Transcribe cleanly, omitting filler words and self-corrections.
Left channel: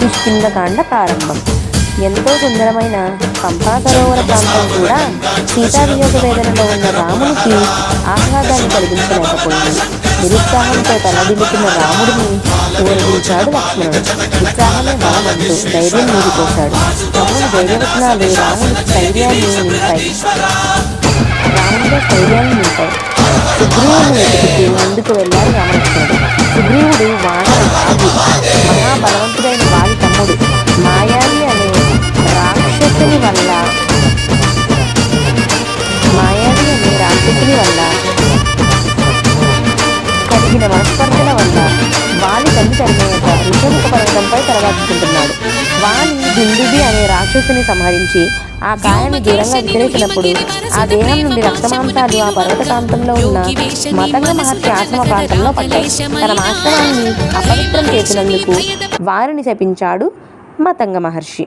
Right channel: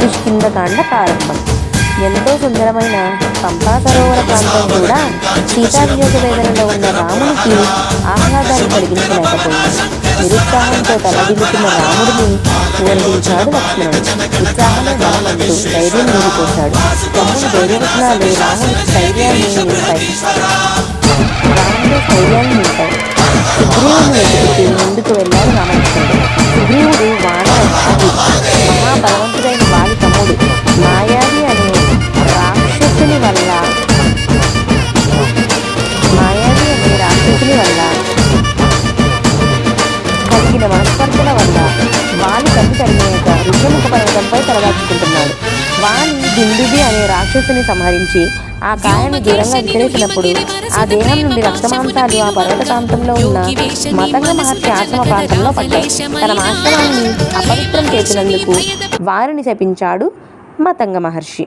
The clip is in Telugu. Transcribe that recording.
కిష్కింధకాండ ప్రారంభం. ఎంతో సుందరమైన పంపా సరోవర ప్రాంతం కూడా సీతావియోగ వేదనలో ఉన్న రామునికి ఆహ్లాదాన్ని కలిగించలేకపోయింది. నిరుత్సాహంతో తల్లడిల్లుతున్న రాముడిని ఊరడించాడు లక్ష్మణుడు. ఉత్సాహమే బలమంటూ ధైర్యం నీరిపోశాడు. తమ్ముని ధైర్యవచనాలు రాముడిలో స్థైర్యాన్ని నింపాయి. సుగ్రీవుని వెతుకుతూ ముందుకు వెళ్లారు రామలక్ష్మణుడు. సుగ్రీవుడు వానర వాగి, మహాబలవంతుడైన వాగి తమ్ముడు. మాయావి అనే రాక్షసుని వల్ల కలిగిన మనస్పర్ధల వల్ల వాలి తల్లి తరిమేయక ఋషముఖ పర్వతంపై తలదాచుకుంటున్నాడు. వాలి దుందుబి అనే రాక్షసుని సంహరించి ఆ కాయాన్ని దూరంగా విసిరేసినప్పుడు ఆ దేహం నుండి రక్తమాంసాలు ఆ పర్వత ప్రాంతంలో ఉన్న మతంగ మహర్షి ఆశ్రమ ప్రాంతంలో పడ్డాయి. తన ఆశ్రమాన్ని అపవిత్రం చేసినందుకు వారిని శపించాడు మతంగ మహర్షి.